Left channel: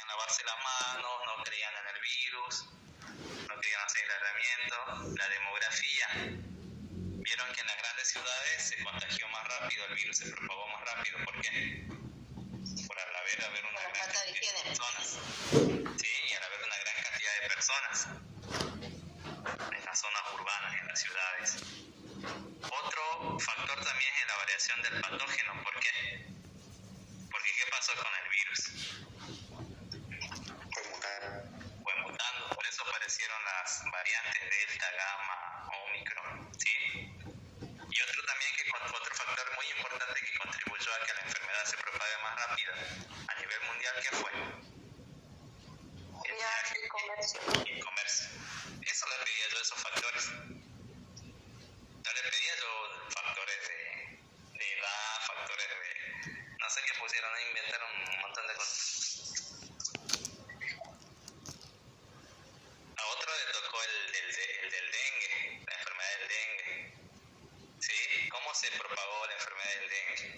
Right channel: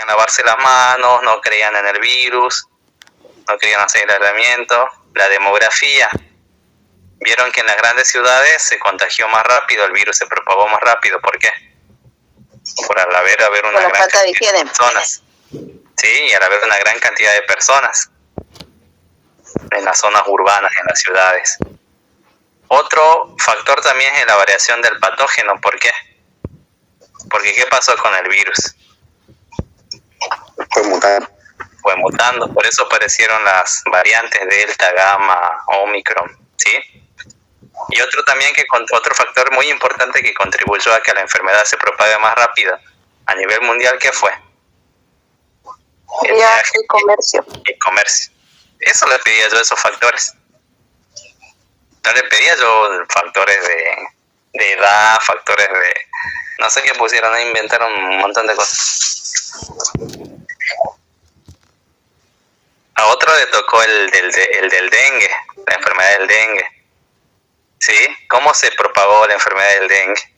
querían lavarse las manos, no creían en el virus, no querían hacer el aislamiento. La demografía, vieron que en las grandes ciudades se contagió más rápido, el virus se propagó más rápido. ¿Por qué? Por al haber una gran cantidad de personas. Sí, y al haber una gran cantidad de personas en las zonas urbanas, en las ciudades. Otro factor también es la variación del patógeno. ¿Por qué? Porque ¿qué pasó con el virus? Fue mutando, por eso aparecieron las variantes Delta, Gamma, Omicron, ¿sí? Y otro también otro factor muy importante que contribuyó a que la enfermedad se propague más rápido a nivel mundial, ¿qué fue? El viaje y comercio. El comercio. Eso le pedía yo, esos factores. No le pedía yo factores de edad, factores de... No sé qué pusieron, ahí inventaron un montón de cosas. A otro le tocó el del dengue, la enfermedad del dengue. ¿Sí? ¿Cómo se propagó la enfermedad del dengue?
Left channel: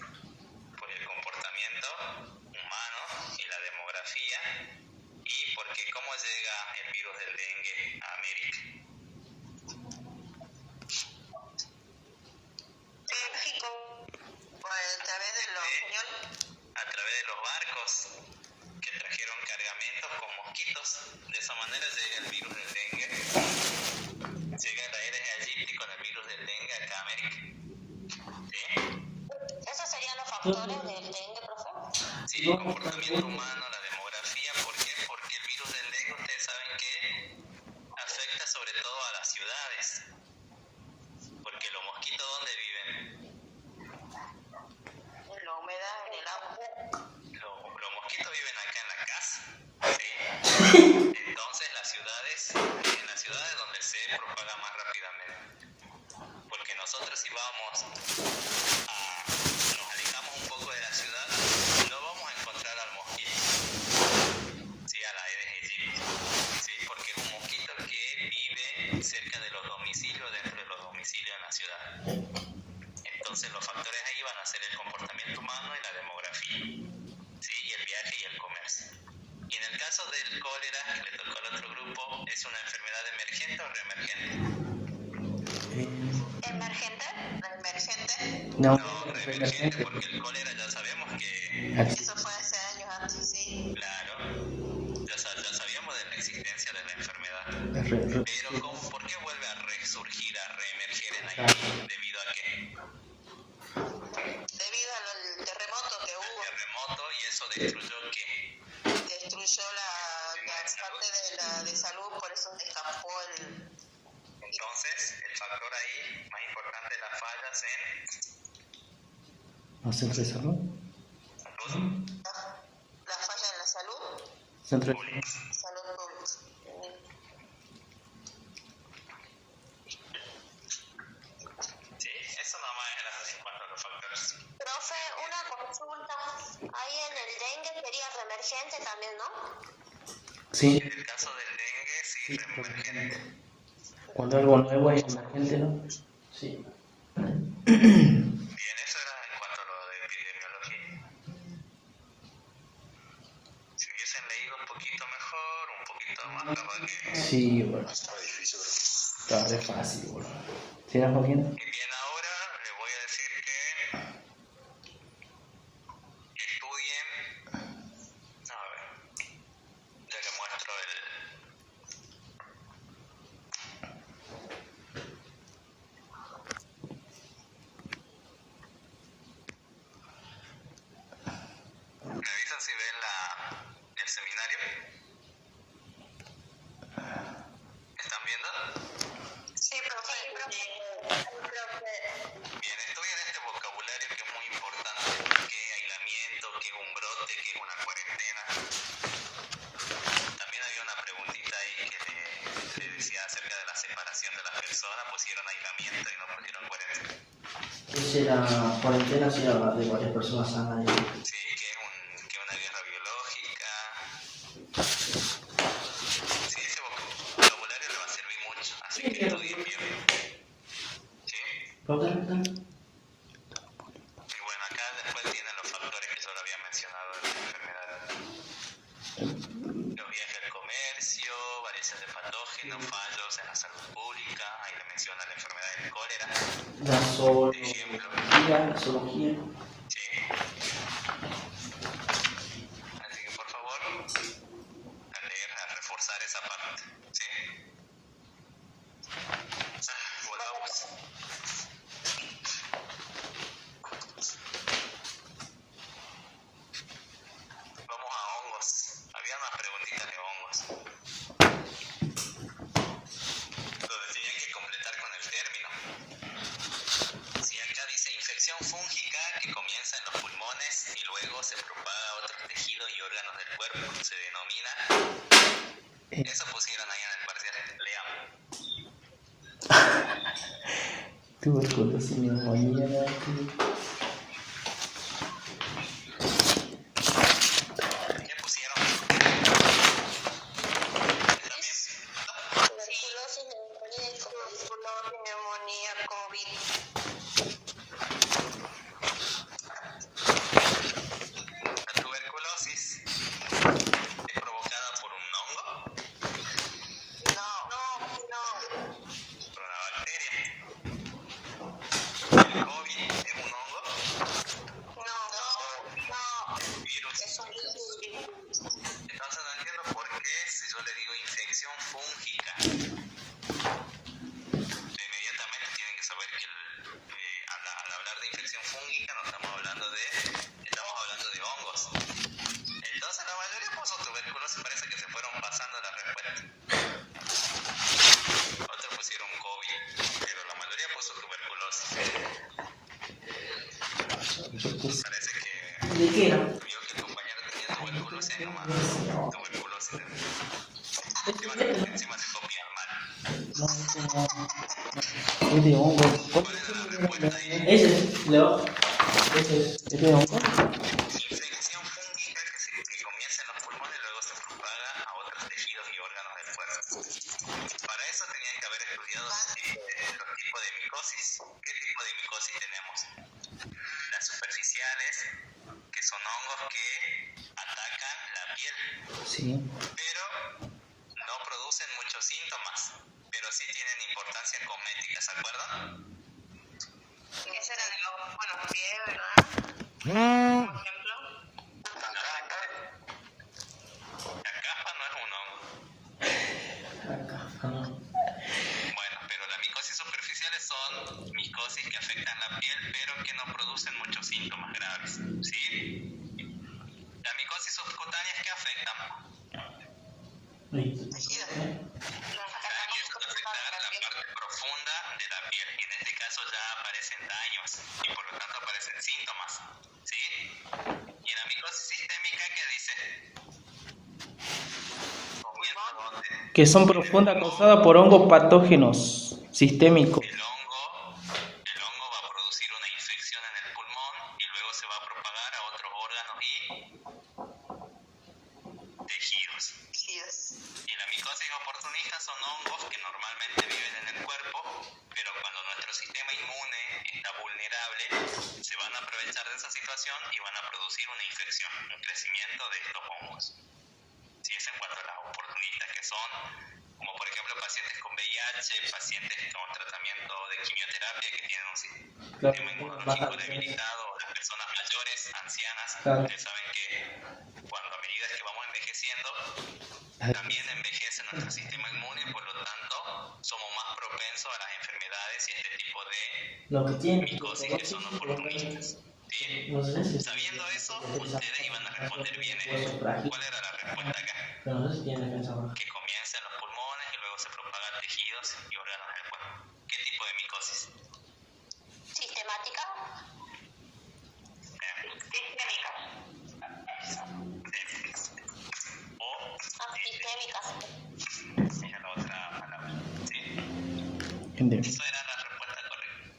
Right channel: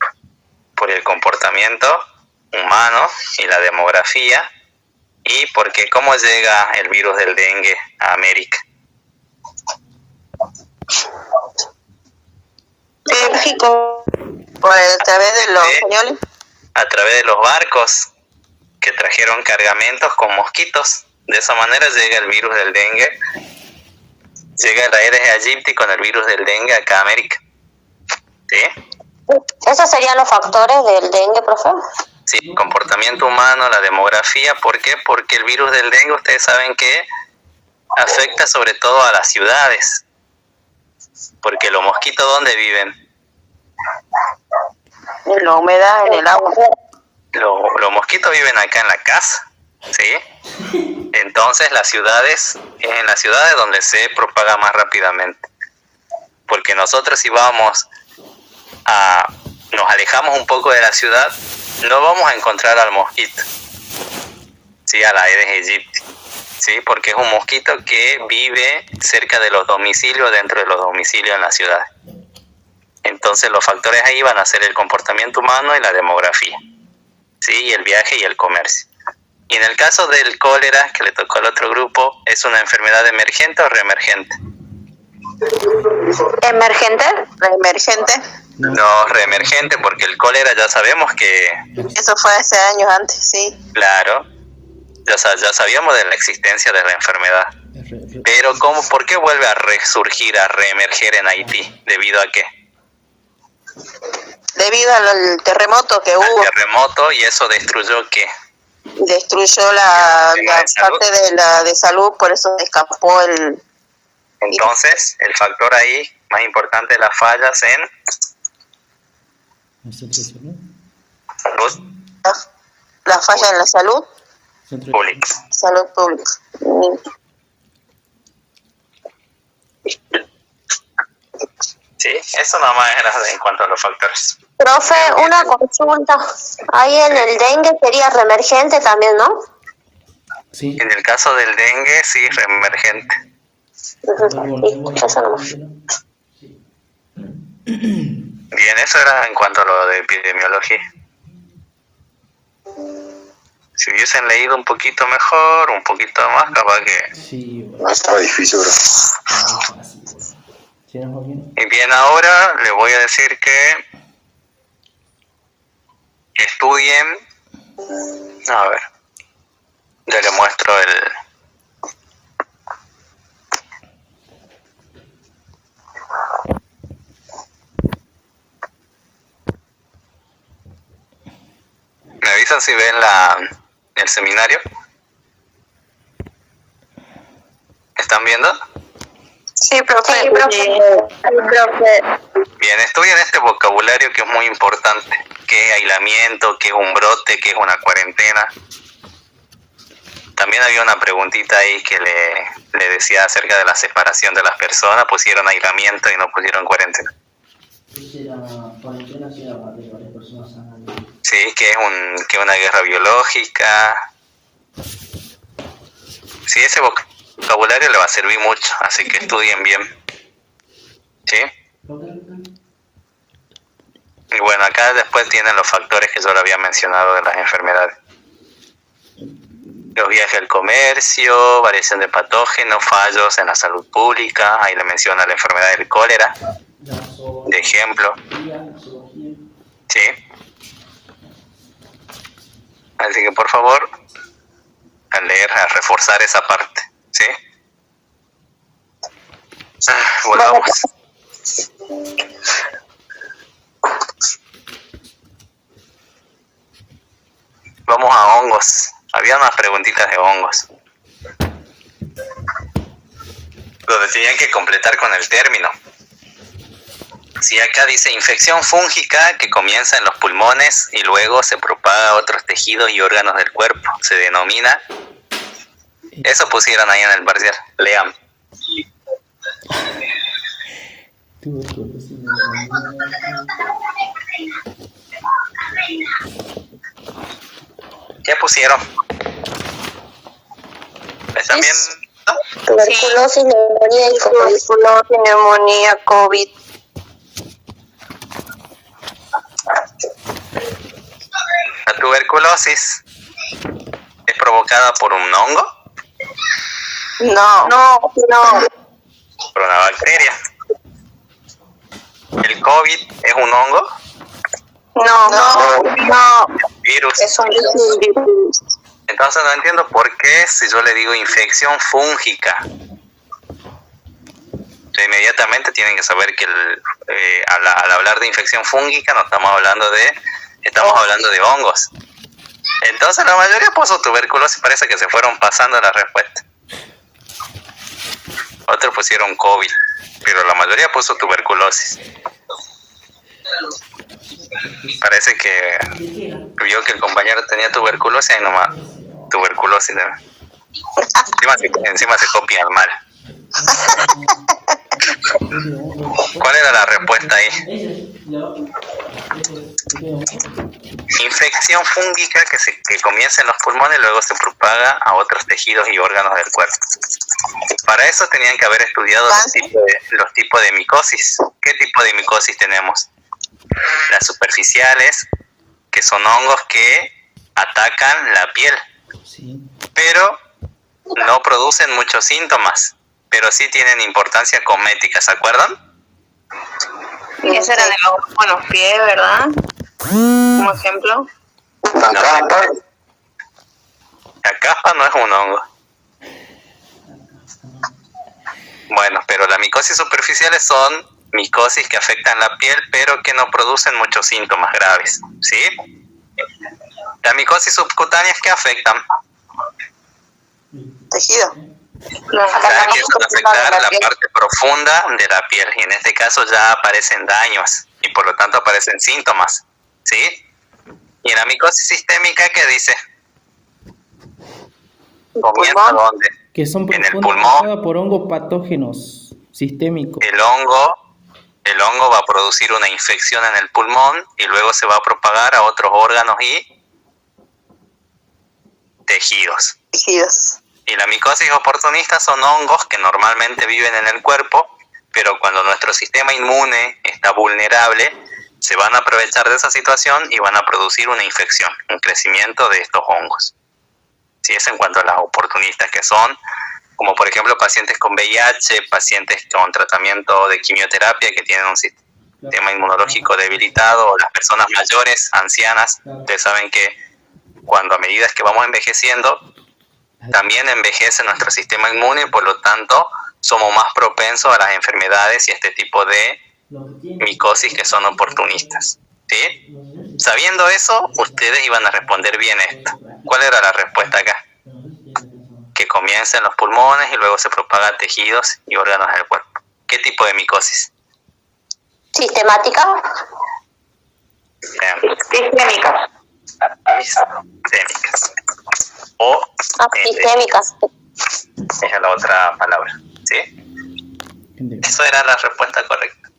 Por el comportamiento humano y la demografía. Y porque ¿cómo llega el virus del dengue a América? México, a través de los españoles. A través de los barcos que trajeron cargamentos con mosquitos. De esa manera llega el virus del dengue. Llega el Aedes aegypti con el virus del dengue acá a América. ¿Sí? ¿Esos serían los factores del dengue, profe? Sí, comportamiento humano, la demografía. ¿Por qué? Porque el virus del dengue, ustedes saben que afecta sobre todo a las ciudades. Porque los mosquitos, ¿dónde viven? En la humedad, en el agua. Los mosquitos viven acá en la casa, ¿sí? Entonces las ciudades, es en las ciudades donde se propaga más rápidamente. Porque nosotros si nos alejamos un poco de la ciudad, no vamos a encontrar al mosquito, ¿sí? A la Aedes aegypti, ¿sí? Porque es un mosquito que vive cerca de los domicilios, dentro de los domicilios en la ciudad. Entonces los factores ahí van a ser el comportamiento humano y la demografía, ¿sí? Y el viaje y el comercio. Y en el caso del cólera, que le tocó al otro grupo, ¿es una enfermedad emergente o reemergente? ¿Emergente? ¿Reemergente? No, reemergente, porque el cólera ya sabemos que... Eso fue hace años antes, sí. Claro, ya sabíamos de la existencia de la enfermedad. Pero ¿por qué vuelve a resurgir, a reemerger en Haití? ¿Debido a qué? Debido al terremoto que hubo. Al terremoto, y eso destruyó ¿qué? Destruyó la parte de salud, por eso escapó el... Entonces, el factor ahí más importante es las fallas en... Salud. La falla en la salud Pública. Salud pública. Sí, eso nada más era en cuanto a los factores. Profe, una consulta. Ahí en el dengue sería reemergente también, ¿no? Sí. En el caso del dengue, sí, reemergente. Eso nomás. Sí. Bien, eso era en cuanto a lo de epidemiología. Si hubiesen leído un poquito mejor, un poquito más, capaz que... Sí, No estaba difícil, bro. ¿Sigamos bien? Y bien, ahora les voy a decir que estudien... A ver, ya les muestro ¿Me avisan si ven el seminario? ¿Están viendo? Sí, profe. Sí, profe. Bien, estudien este vocabulario que es muy importante. ¿Qué es aislamiento? ¿Qué es un brote? ¿Qué es una cuarentena? También había una preguntita ahí que le decía acerca de la separación de las personas. Pusieron aislamiento y no pusieron cuarentena. Esa era cuarentena, si era de varias personas sanas. Sí, que es una guerra biológica. Sí, ese vocabulario le va a servir mucho, así que estudien bien. ¿Sí? Y bueno, acá después tienen los factores que yo le había mencionado de las enfermedades. Los viajes al comercio, variación de patógenos, fallos en la salud pública, ahí le menciona la enfermedad del cólera, de ejemplo. La zoología. Sí. Así que por favor, a leer, a reforzar esa parte, ¿sí? Volvamos. Vamos a hongos. Había unas preguntitas de hongos, donde tenían que completar con el término. Si acá dice infección fúngica que comienza en los pulmones y luego se propaga a otros tejidos y órganos del cuerpo, se denomina... Eso pusieron ahí en el parcial. Lean. ¿Qué pusieron? ¿Están bien? Tuberculosis, neumonía y COVID. Tuberculosis, neumonía, COVID. La tuberculosis es provocada por un hongo, No. por una bacteria. El COVID es un hongo, No. virus. Es un virus. Entonces no entiendo por qué si yo le digo infección fúngica. Inmediatamente tienen que saber que al hablar de infección fúngica no estamos hablando de hongos. Entonces la mayoría puso tuberculosis, parece que se fueron pasando la respuesta. Otros pusieron COVID, pero la mayoría puso tuberculosis. Parece que vio que el compañero tenía tuberculosis y nomás tuberculosis. Encima se copian mal. ¿Cuál era la respuesta ahí? Infección fúngica que comienza en los pulmones y luego se propaga a otros tejidos y órganos del cuerpo. Para eso tenían que haber estudiado los tipos de micosis. ¿Qué tipo de micosis tenemos? Las superficiales, que son hongos que atacan la piel, pero no producen muchos síntomas, pero sí tienen importancia cosmética, ¿se acuerdan? Y ese era de los pies, ¿verdad? Como ejemplo. La caspa no es un hongo. Bueno, pero las micosis superficiales son micosis que afectan la piel, pero que no producen muchos síntomas graves, ¿sí? Las micosis subcutáneas que afectan, Tejido. que van a afectar la parte profunda de la piel, y en este caso ya aparecen daños y por lo tanto aparecen síntomas, ¿sí? Y en la micosis sistémica, ¿qué dice? ¿Comienza dónde? Que son en el profundas pulmón. por hongos patógenos sistémicos. El hongo va a producir una infección en el pulmón y luego se va a propagar a otros órganos y tejidos. Y la micosis oportunista son hongos que normalmente viven en el cuerpo, pero cuando nuestro sistema inmune está vulnerable, se van a aprovechar de esa situación y van a producir una infección, un crecimiento de estos hongos. Sí, es en cuanto a las oportunistas, que son, como por ejemplo pacientes con VIH, pacientes con tratamiento de quimioterapia que tienen un sistema inmunológico debilitado, o las personas mayores, ancianas. Ustedes saben que cuando a medida que vamos envejeciendo, también envejece nuestro sistema inmune y por lo tanto somos más propensos a las enfermedades y este tipo de micosis que son oportunistas. ¿Sí? Sabiendo eso, ustedes iban a responder bien esto. ¿Cuál era la respuesta acá? Que comienza en los pulmones y luego se propaga a tejidos y órganos del cuerpo. ¿Qué tipo de micosis? ¿Sistemática? Sistémicas. Sistémicas. O Sistémicas. esa es la otra palabra. ¿Sí? Eso era la respuesta correcta.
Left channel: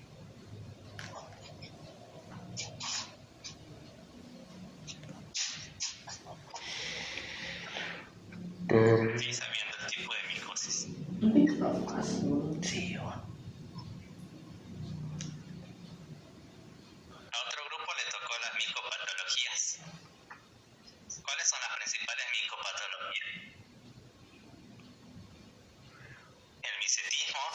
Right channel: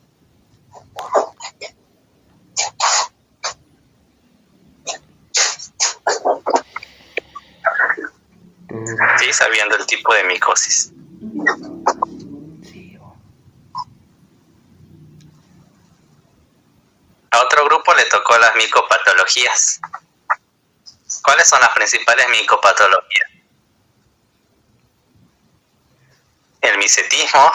Sí, sabiendo el tipo de micosis. A otro grupo le tocó las micopatologías. ¿Cuáles son las principales micopatologías? el micetismo.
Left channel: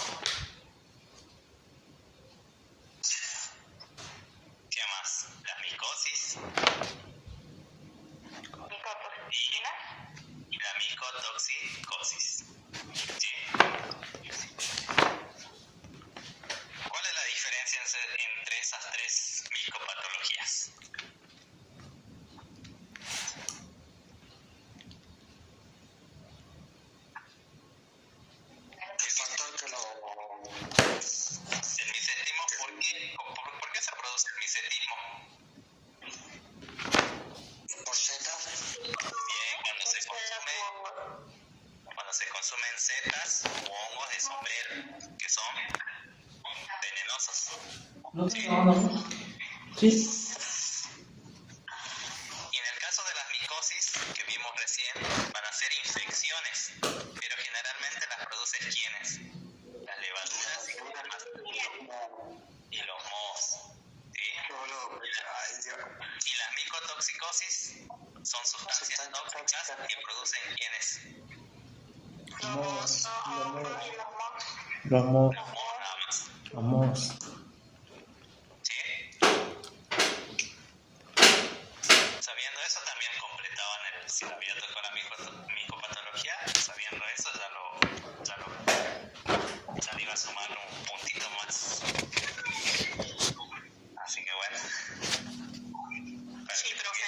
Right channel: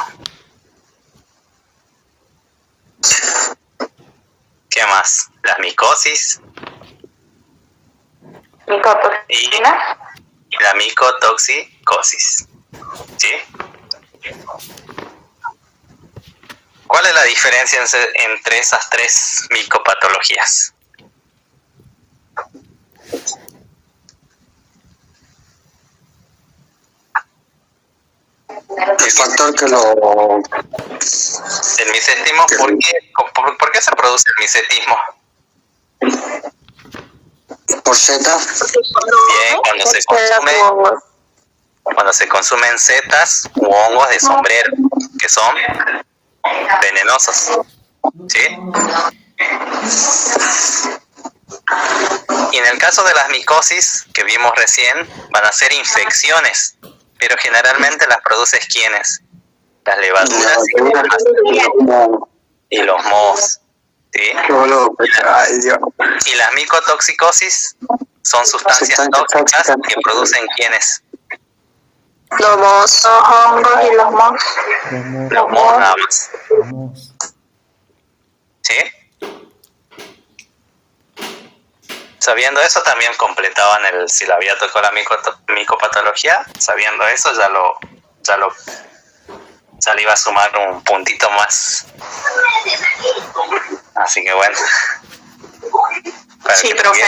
¿Qué más? Las micosis y la micotoxicosis. ¿Sí? ¿Cuál es la diferencia entre esas tres micopatologías? El factor que lo... El micetismo, ¿por qué se produce el micetismo? por Z. Bien, cuando se consumen setas u hongos de sombrero, que son venenosos. ¿Sí? Y en el caso de las micosis que vimos recién, van a ser infecciones, pero generalmente las produce ¿quiénes? Las levaduras y los mohos. ¿Sí? Y las micotoxicosis son sustancias tóxicas que producen ¿quiénes? Los hongos y los mohos. Los mohos nada más. ¿Sí? Sabiendo eso también completaban si le había tocado la micopatología. Sabiendo eso ya le iba a sumar un puntito más. Así que bueno. Sí, profe.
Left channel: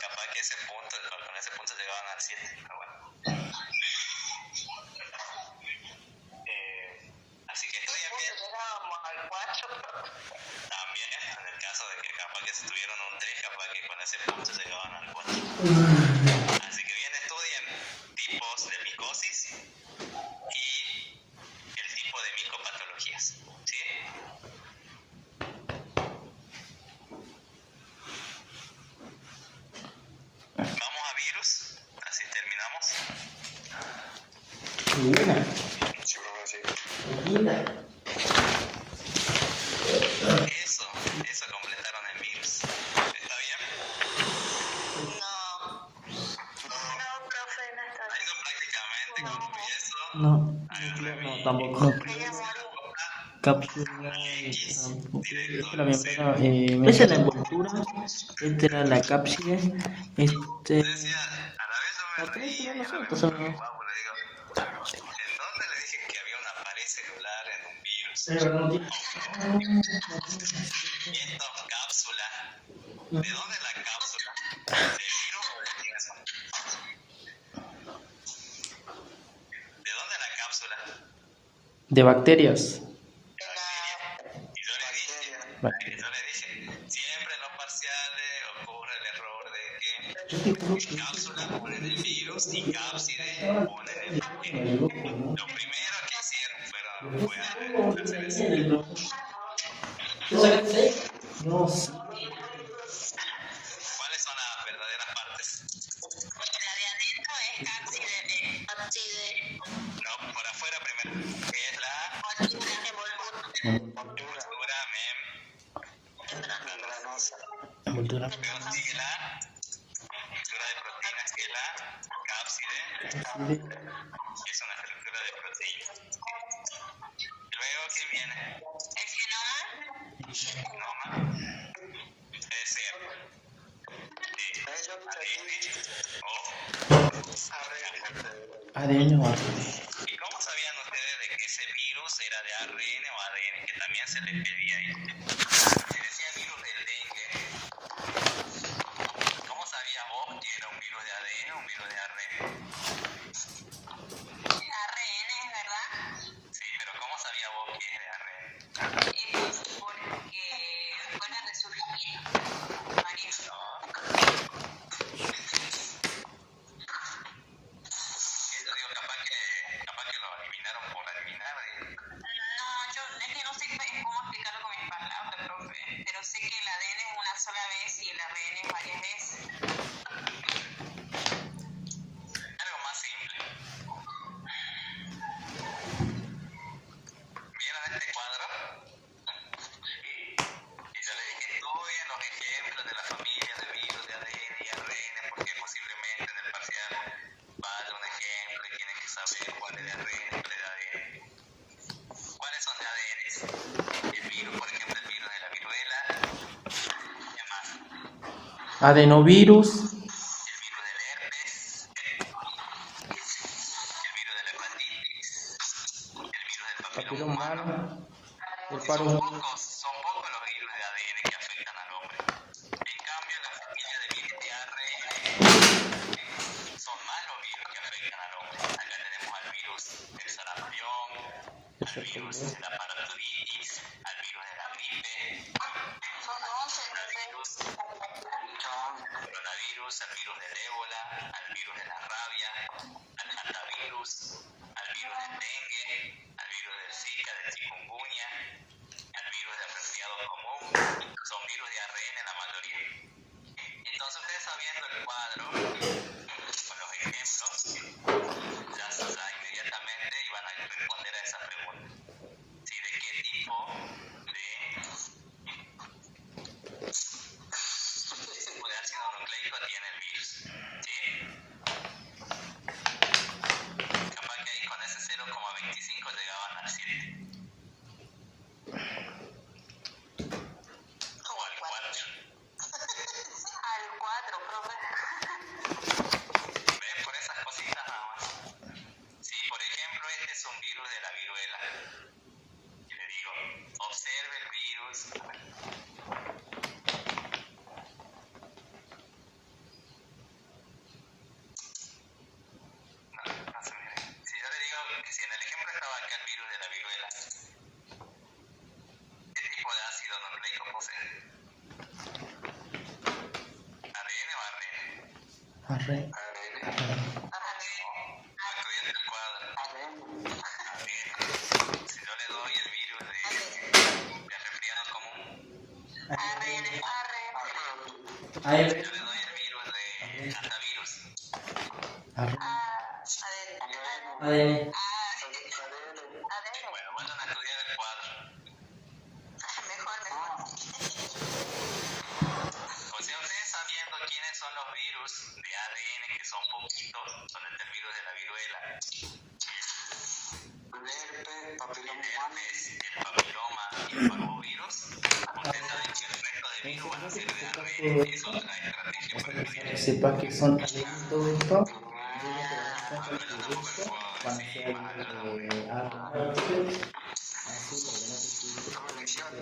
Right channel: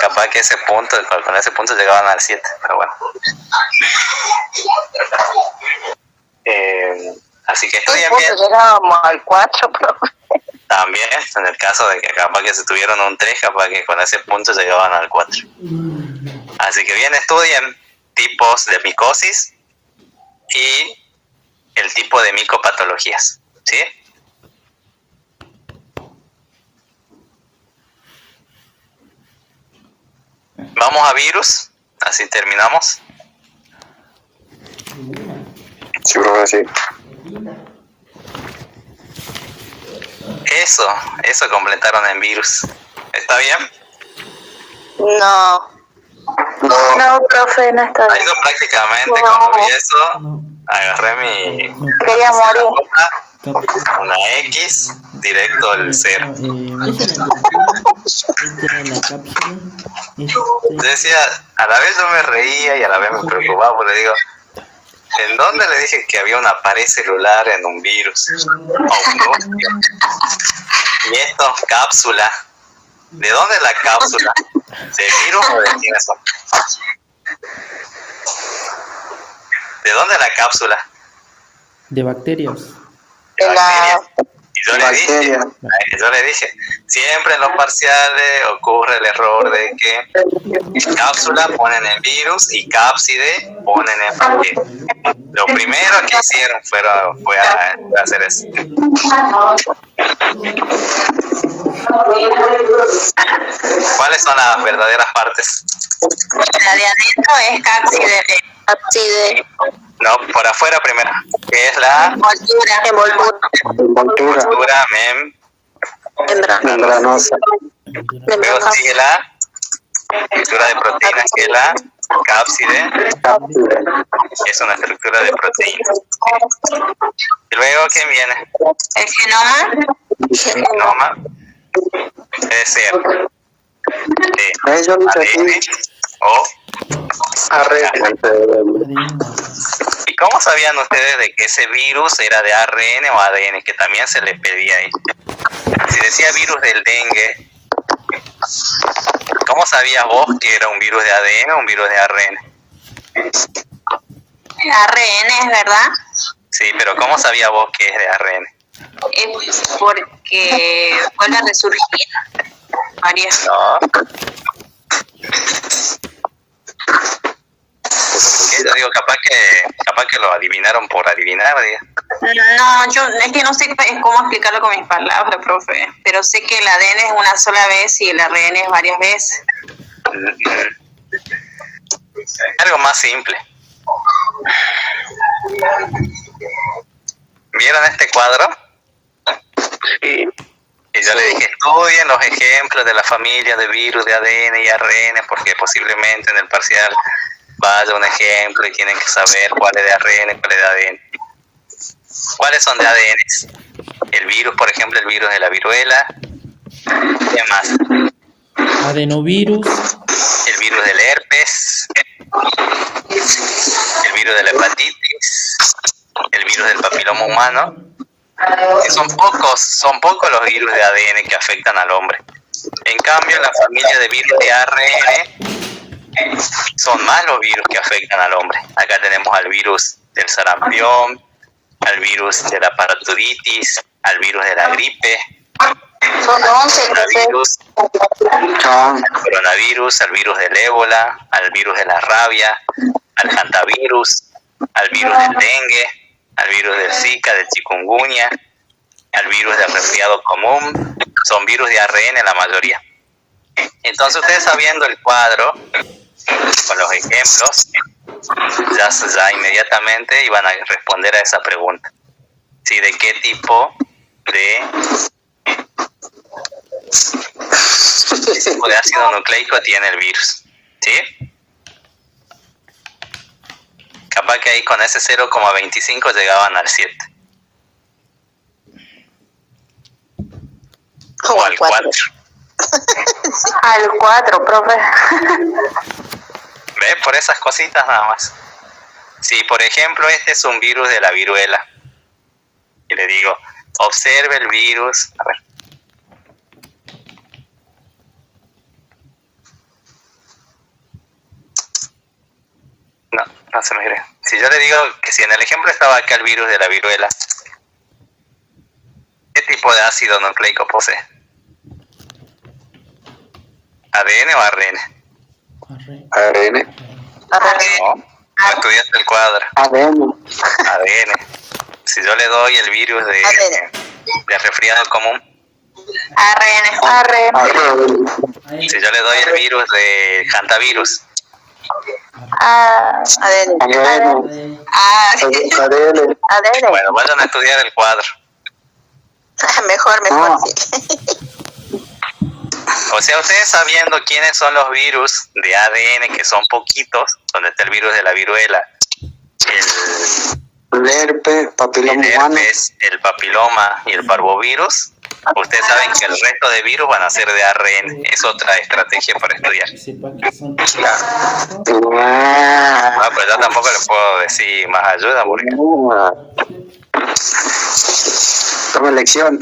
Capaz que con ese punto llegaban al 7, pero bueno. Así que estudien bien. Llegábamos al 4, profe. También, en el caso de que capaz que se tuvieron un 3, capaz que con ese punto llegaban al 4. Así que bien, estudien tipos de micosis y el tipo de micopatologías. ¿Sí? Vamos a virus, así terminamos. Sí, profe, sí. Eso completaron en virus. ¿Está bien? No. No, profe, no está bien. Yo prácticamente cuando vi eso, agarré mi... Quería morir. Una X, directo al 0. Yo decía, a la vez yo me reía y a la vez me preocupaba porque digo, ¿en dónde le dije que había una pared celular en un virus? Y esto, cápsula. ¿De dónde es la cápsula? ¿De virus o de quiénes son? ¿De dónde es la cápsula? De bacterias. De bacterias. Y yo le dije, siempre en los parciales ocurre el error de que cápsula ponen en virus y cápside ponen en bacteria. Lo primero que hicieron fue hacer eso. ¿Cuáles son las verdaderas partes? La de adentro es cápside. No, por afuera primero, que es la envoltura Membranosa. Luego sigue la estructura de proteínas, que es la cápside, que es una estructura de proteínas. Y luego, ¿quién viene? El genoma. El genoma debe ser de ADN o ARN. ¿Y cómo sabían ustedes de que ese virus era de ARN o ADN? Que también se les pedía ahí. Si decía virus del dengue, ¿cómo sabías vos que era un virus de ADN o un virus de ARN? ARN, ¿es verdad? Sí, pero ¿cómo sabías vos que es de ARN? Es porque vuelve a resurgir varias. No. ¿Qué? Yo digo, capaz que lo adivinaron por adivinar, diga. No, yo es que no sé cómo explicarlo con mis palabras, profe. Pero sé que el ADN es una sola vez y el ARN es varias veces. Algo más simple. ¿Vieron este cuadro? Sí. Y yo le dije, estudien los ejemplos de la familia de virus de ADN y ARN, porque posiblemente en el parcial vaya un ejemplo y tienen que saber cuál es de ARN, cuál es de ADN. ¿Cuáles son de ADN? El virus, por ejemplo, el virus de la viruela. ¿Qué más? Adenovirus. El virus del herpes. El virus de la hepatitis. El virus del papiloma humano. Que son pocos los virus de ADN que afectan al hombre. En cambio, la familia de virus de ARN son más los virus que afectan al hombre. Acá tenemos al virus del sarampión, al virus de la parotiditis, al virus de la gripe, Son 11, coronavirus, al virus del ébola, al virus de la rabia, al hantavirus, al virus del dengue, al virus del Zika, del chikungunya, al virus del resfriado común. Son virus de ARN la mayoría. Entonces ustedes sabiendo el cuadro con los ejemplos, ya inmediatamente iban a responder a esa pregunta. ¿Sí? ¿De qué tipo de ácido nucleico tiene el virus? ¿Sí? Capaz que ahí con ese 0,25 llegaban al 7. O al 4. Al 4, profe. ¿Ves? Por esas cositas nada más. Si, por ejemplo, este es un virus de la viruela, y le digo, observe el virus. A ver. No se me cree. Si yo le digo que si en el ejemplo estaba acá el virus de la viruela, ¿qué tipo de ácido nucleico posee? ¿ADN o ARN? ARN. No estudiaste el cuadro. ADN. Si yo le doy el virus de resfriado común, ARN. si yo le doy el virus de hantavirus, ADN. ADN. bueno, vayan a estudiar el cuadro. Mejor, sí. O sea, ustedes sabiendo quiénes son los virus de ADN, que son poquitos, donde está el virus de la viruela, El herpes, papiloma humano. el papiloma y el parvovirus, ustedes saben que el resto de virus van a ser de ARN. Es otra estrategia para estudiar. Que sepa que son Pero yo tampoco le puedo decir más ayuda porque... Toma lección.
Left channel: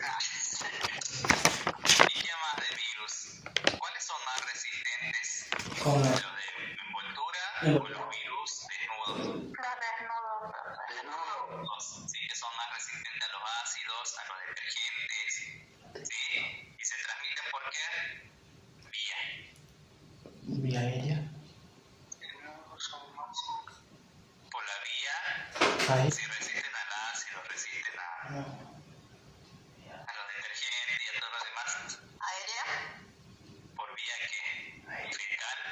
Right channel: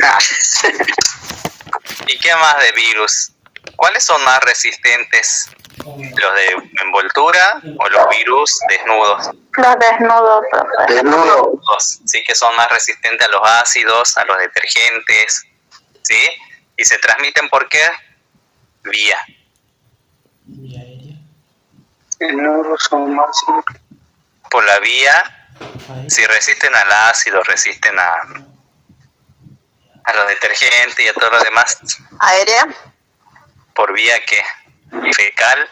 ¿Y qué más de virus? ¿Cuáles son más resistentes? ¿Los de envoltura o los virus desnudos? Los desnudos, profe. Desnudos, sí, que son más resistentes a los ácidos, a los detergentes, ¿sí? ¿Y se transmiten por qué? Vía. vía aérea. Desnudos son más. Por la vía, Aérea. si resisten al ácido, resisten a los detergentes y a todo lo demás. ¿Aérea? ¿Por vía qué? Fecal.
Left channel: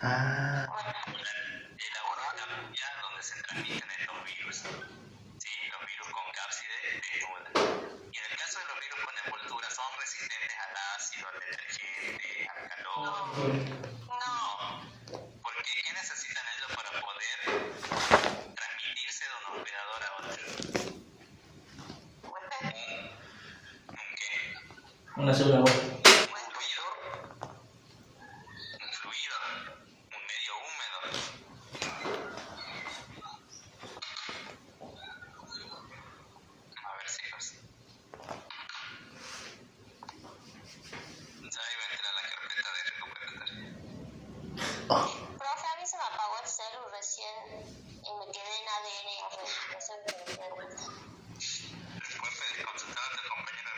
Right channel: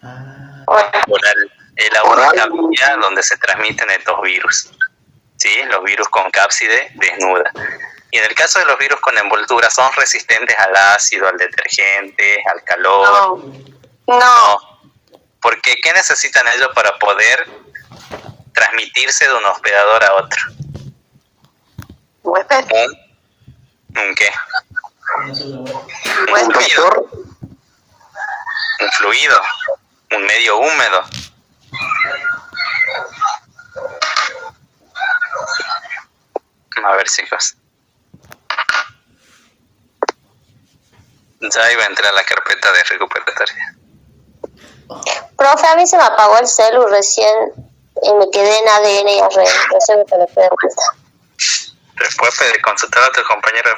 Ah, Oral. Es la única vía donde se transmiten estos virus. ¿Sí? Los virus con cápside desnuda. Y en el caso de los virus con envoltura, son resistentes al ácido, al detergente, al calor. No. Porque ¿qué necesitan ellos para poder transmitirse de un hospedador a otro? Huésped. ¿Un qué? Una segunda voz. Un fluido. Un fluido. Un medio húmedo. A ver, chicos. Ya iba a entrar a la carpeta de recuperatoria. Profe, a mí se me apagó el celu recién y me quedé en ADN y ARN. Recién me conecté de vuelta. Después de consultar a tu compañero.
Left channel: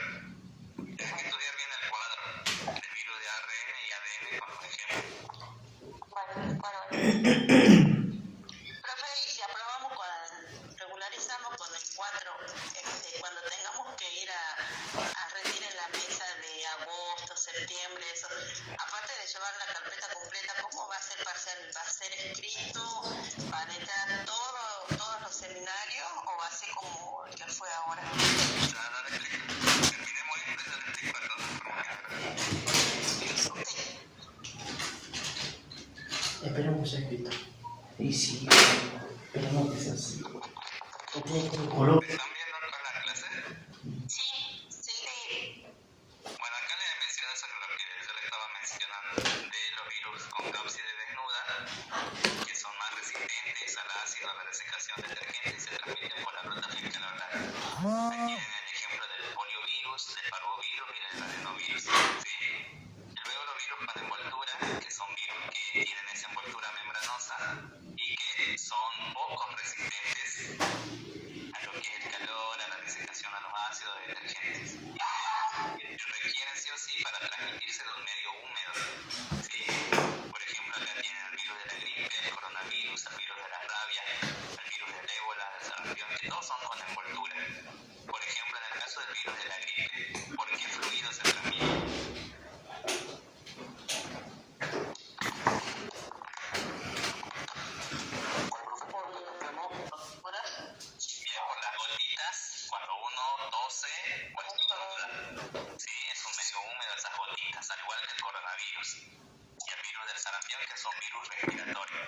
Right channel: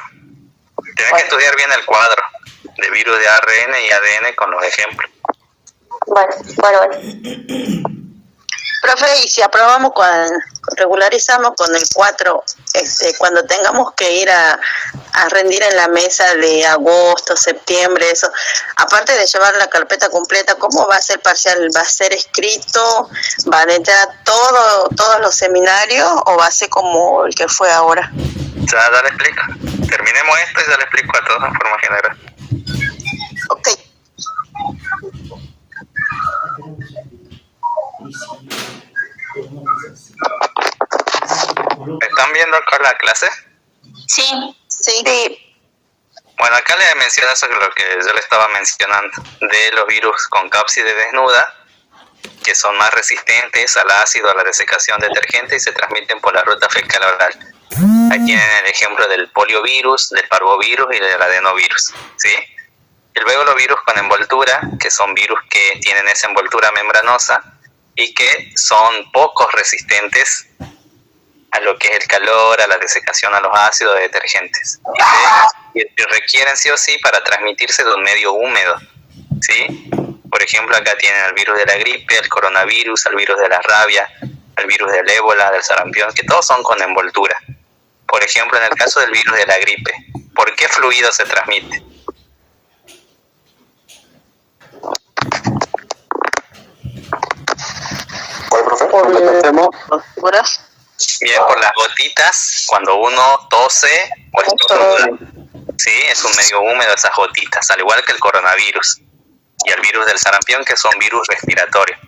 Tienes que estudiar bien el cuadro de virus de ARN y ADN con los ejemplos. Bueno. Profe, y si aprobamos regularizamos con el 4, cuando tengamos que ir a rendir en la mesa de agosto, septiembre, eso, aparte de llevar la carpeta completa, ¿cómo va a ser parcial? ¿Va a ser escrito? ¿Va a entrar todos los seminarios o va a ser como el que fue ahora? Ya le explico. Terminemos esto y ya le explico a todos en forma general. Ok. esperemos, Víctor. ¿Están viendo acá la clase? Sí. Sí. Bueno, acá le menciono eso que lo que yo le estaba mencionando, de los virus con cápside desnuda, que son más resistentes al ácido, a la desecación detergente y se transmiten por la ruta fecal oral. Ahí tienen el ejemplo del poliovirus, del parvovirus y del adenovirus, ¿sí? Y luego los virus con envoltura, que son virus que tienen esa envoltura membranosa y que son poco resistentes a lo que es el calor, a la desecación, a los ácidos detergentes. Y requieren sí o sí para transmitirse de un medio húmedo, ¿sí? Por ejemplo, acá tienen el virus de la gripe, el coronavirus, el virus de la rabia, el virus del ébola, del sarampión, que todos son con envoltura. Por ejemplo, en el caso del virus de la gripe, ¿por qué fluido se transmite? ¿Cuál, profe? Repetemos. ¿Seguros? Bien, por las gotitas, cuando uno tose o estornuda. Sí, es un medio húmedo esas gotitas, al igual que el coronavirus y el virus del sarampión, que son virus respiratorios.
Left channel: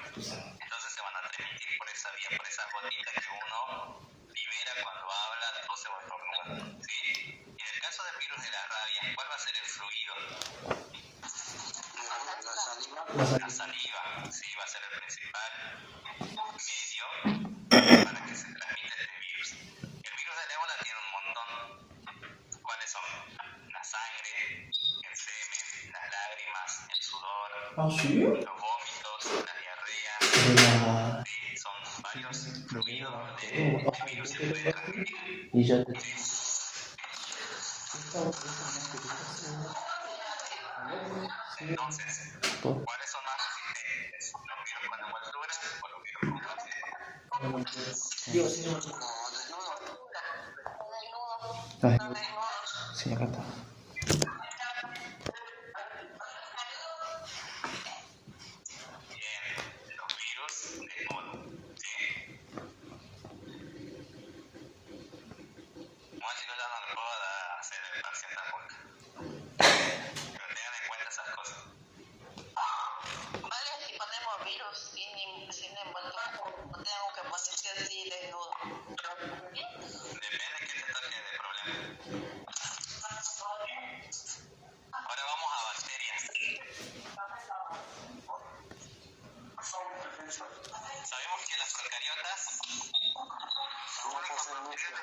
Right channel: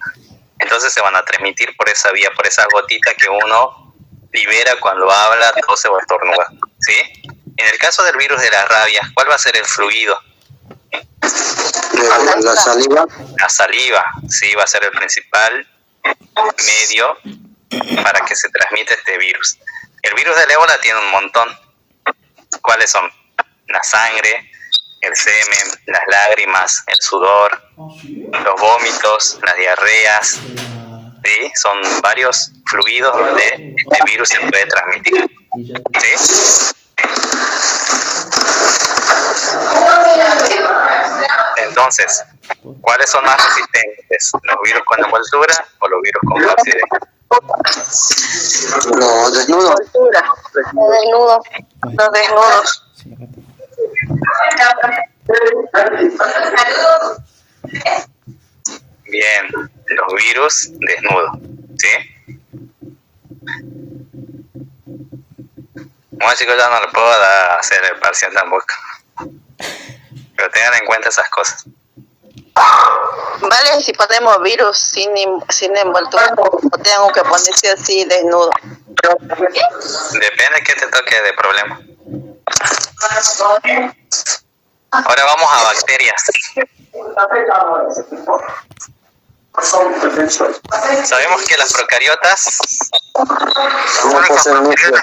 Entonces se van a transmitir por esa vía, por esas gotitas que uno libera cuando habla, tose o estornuda, ¿sí? En el caso del virus de la rabia, ¿cuál va a ser el fluido? La saliva. La saliva, sí, va a ser el principal medio para que se transmita este virus. El virus del ébola tiene un montón. ¿Cuáles son? La sangre, el semen, las lágrimas, el sudor, los vómitos, las diarreas, ¿sí? Son varios fluidos donde este virus se puede transmitir, ¿sí? Entonces, ¿cuáles son más resistentes? ¿Los virus con envoltura o los virus con cápside? Los desnudos. Los desnudos. Sí, acá está. Bien, los virus desnudos, ¿sí? Bueno, chicos, ya no le puedo hacer el parcial tampoco. Pero tengan en cuenta esas cosas. ¿Vale? Si ponemos virus sin envoltura, o tengo que poner sí o sí desnudo. Depende de qué te toque de problema. Ahora vamos a bacterias. Sabemos que las procariotas No poseen núcleo.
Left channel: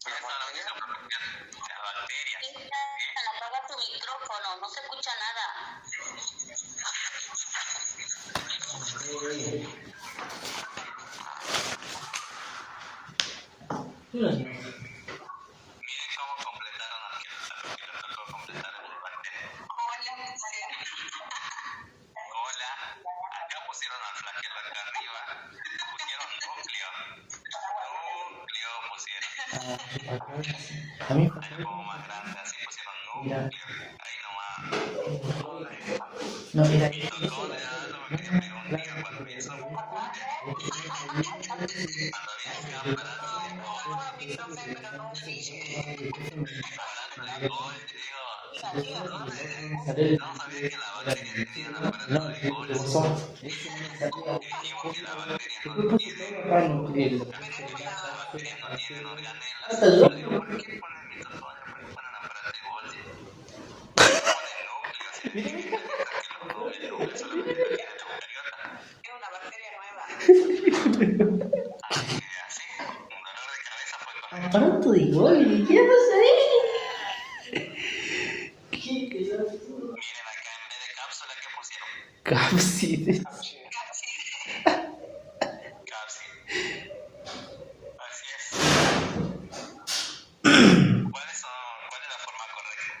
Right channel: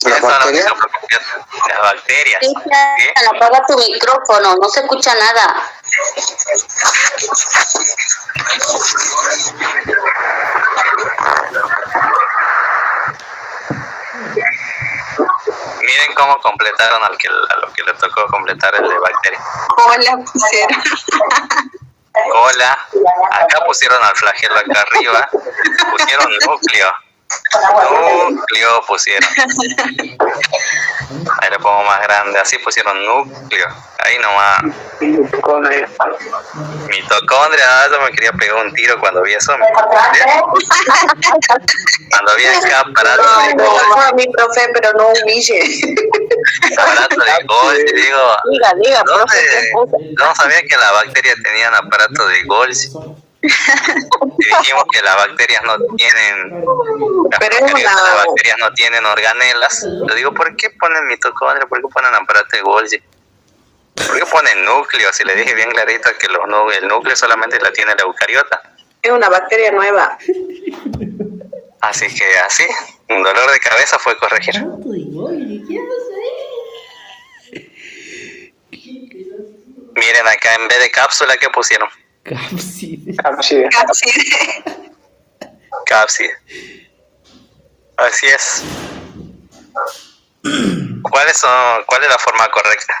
¿Quiénes son bacterias? las bacterias? ¿Sí? Cristian, apaga tu micrófono, no se escucha nada. Miren cómo completaron a lo que le tocó completar el de bacterias. Hola, pusieron. Hola, acá pusieron al flagelo acá arriba, pusieron núcleo pusieron. Ahí le pongo más grande, así pusieron núcleo, ahí nomás. Mitocondria, yo me quería pegar un tiro cuando vi eso. Cuando vi acá aparato de Golgi. A mi profe, pero no humille. Aparato de Golgi, digo, Diga, profe. no sabía que las bacterias tenían aparato de Golgi. Y dijimos que las bacterias no tienen, las bacterias no tienen organelas. Yo digo, ¿por qué ponen mitocondria? ¿Por qué ponen aparato de Golgi? ¿Por qué ponen núcleo? Si le dije bien clarito que el núcleo solamente la tiene la eucariota. Es una bacteria nueva. Así que así, un dolor de cabeza fue corregir. Miren acá, en vez de cápsula, ¿qué pusieron? Cápside. Cápside. Así es. ¿Cuál es la forma correcta?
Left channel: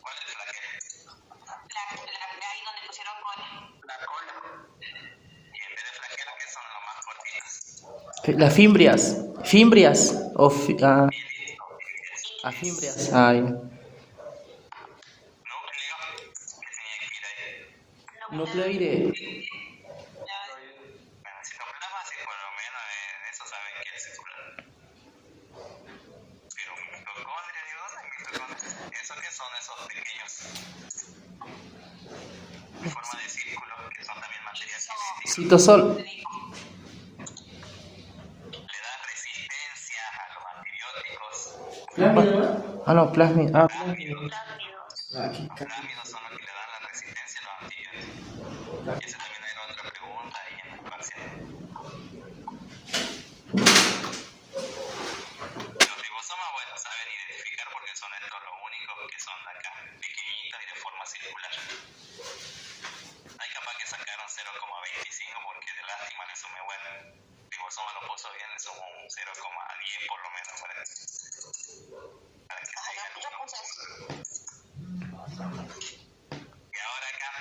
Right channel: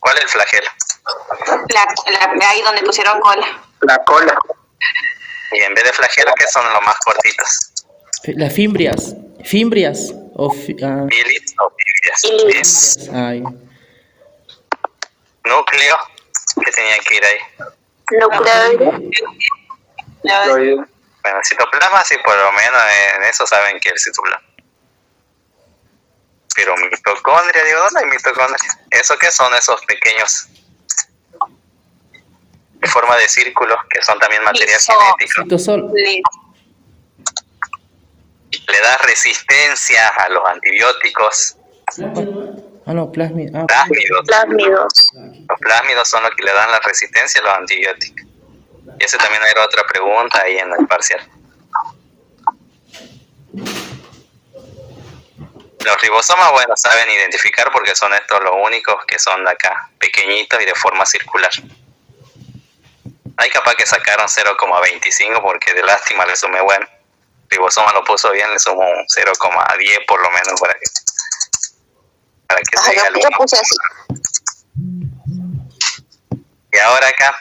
¿Cuál es el flagelo? Ahí donde pusieron cola. La cola. Y en vez de flagelo, ¿qué son los más cortitos? Las fimbrias. Fimbrias. Bilis o fimbrias. Ay. Núcleo. ¿Qué tenía que ir ahí? Bueno, citoplasma sí, por lo menos en eso saben que es el citoplasma. Pero mitocondria, digo, ¿dónde hay mitocondria? ¿Eso qué son esos pequeños en forma de círculos, que son también material genético. Citosol. Le da resistencia a los antibióticos. Ah, no, plásmido. Plásmidos. Plásmidos. Los plásmidos son los que le dan la resistencia a los antibióticos. Y esa también era otra pregunta ahí en el parcial. Los ribosomas, bueno, saben identificar porque son estos los únicos que son de acá, pequeñitos y de forma circular. Hay capaz que sacaron 0,25 porque de lástima le sumé, bueno, ribosoma lo puso bien, le sumo un 0,10 por lo menos para que tenga el yo 1. puse así. Y ahora acá,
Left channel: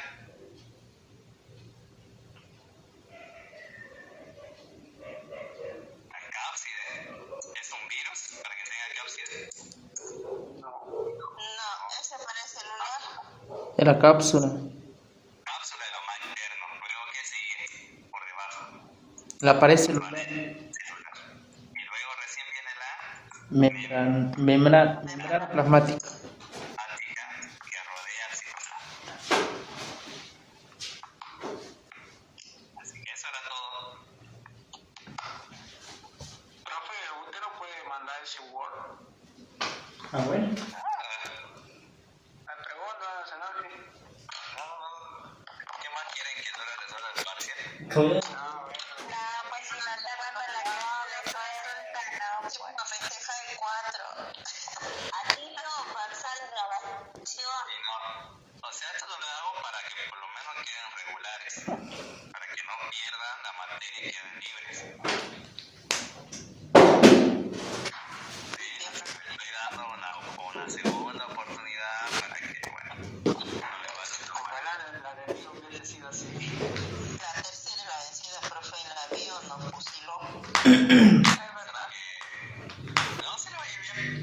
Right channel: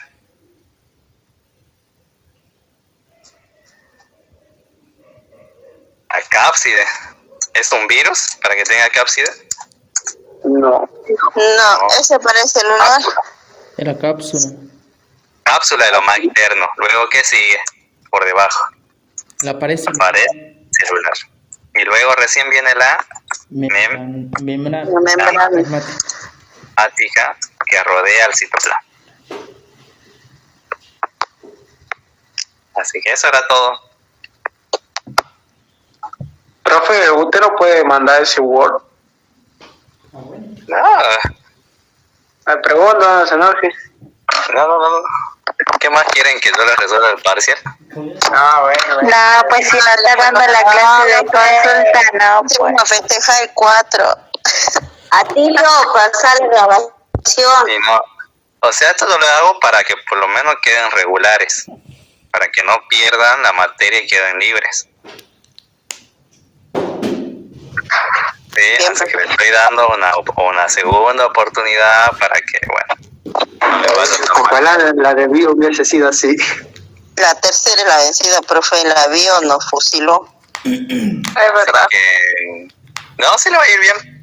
la cápside. ¿Es un virus para que tenga cápside? No. No, ese parece el lunar. Era cápsula. Cápsula de lo más interno. Luego, ¿qué sigue? Por debajo. La pared Pared celular. Y luego recién viene la membrana La membrana. plasmática. que rodea al citoplasma. Así que eso era todo. Profe, ¿usted no puede mandar ese Word? Ah, bueno. No, Me pregunto, señor. no. ¿Qué más quieren que yo les resuelva el parcial? Ah, bueno. No, pues si no está dando la clase de consulta, no, pues. Vamos a festejar el 4. A ti lo pasar la grabación. Y no, o sea, esto yo lo hago para que por lo menos queden regulares, para que no pierdan la materia y queden libres. Sí, Bien, así que le estoy dando una segunda oportunidad para que, bueno, le vaya a tomar. Ojalá la de bio hubiese sido así. La tercera es la vencida, profe, la bio nos fusiló. Es verdad. No, sí le va a ir bien.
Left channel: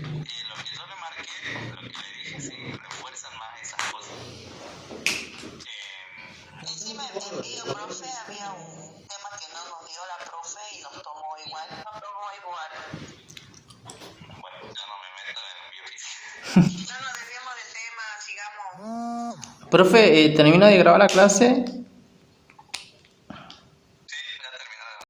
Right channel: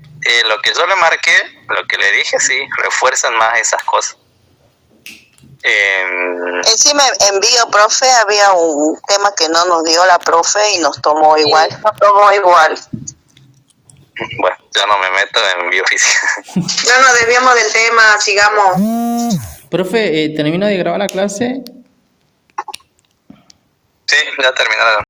Lo que yo le marqué, lo que le dije, sí, refuerzan más esas cosas. Encima en bio, profe, había un tema que no nos dio la profe y nos tomó igual. Bueno, yo no me meto en biofísica. No nos desviamos del tema, sigamos. Profe, ¿termina de grabar la clase? Sí, ya terminaron.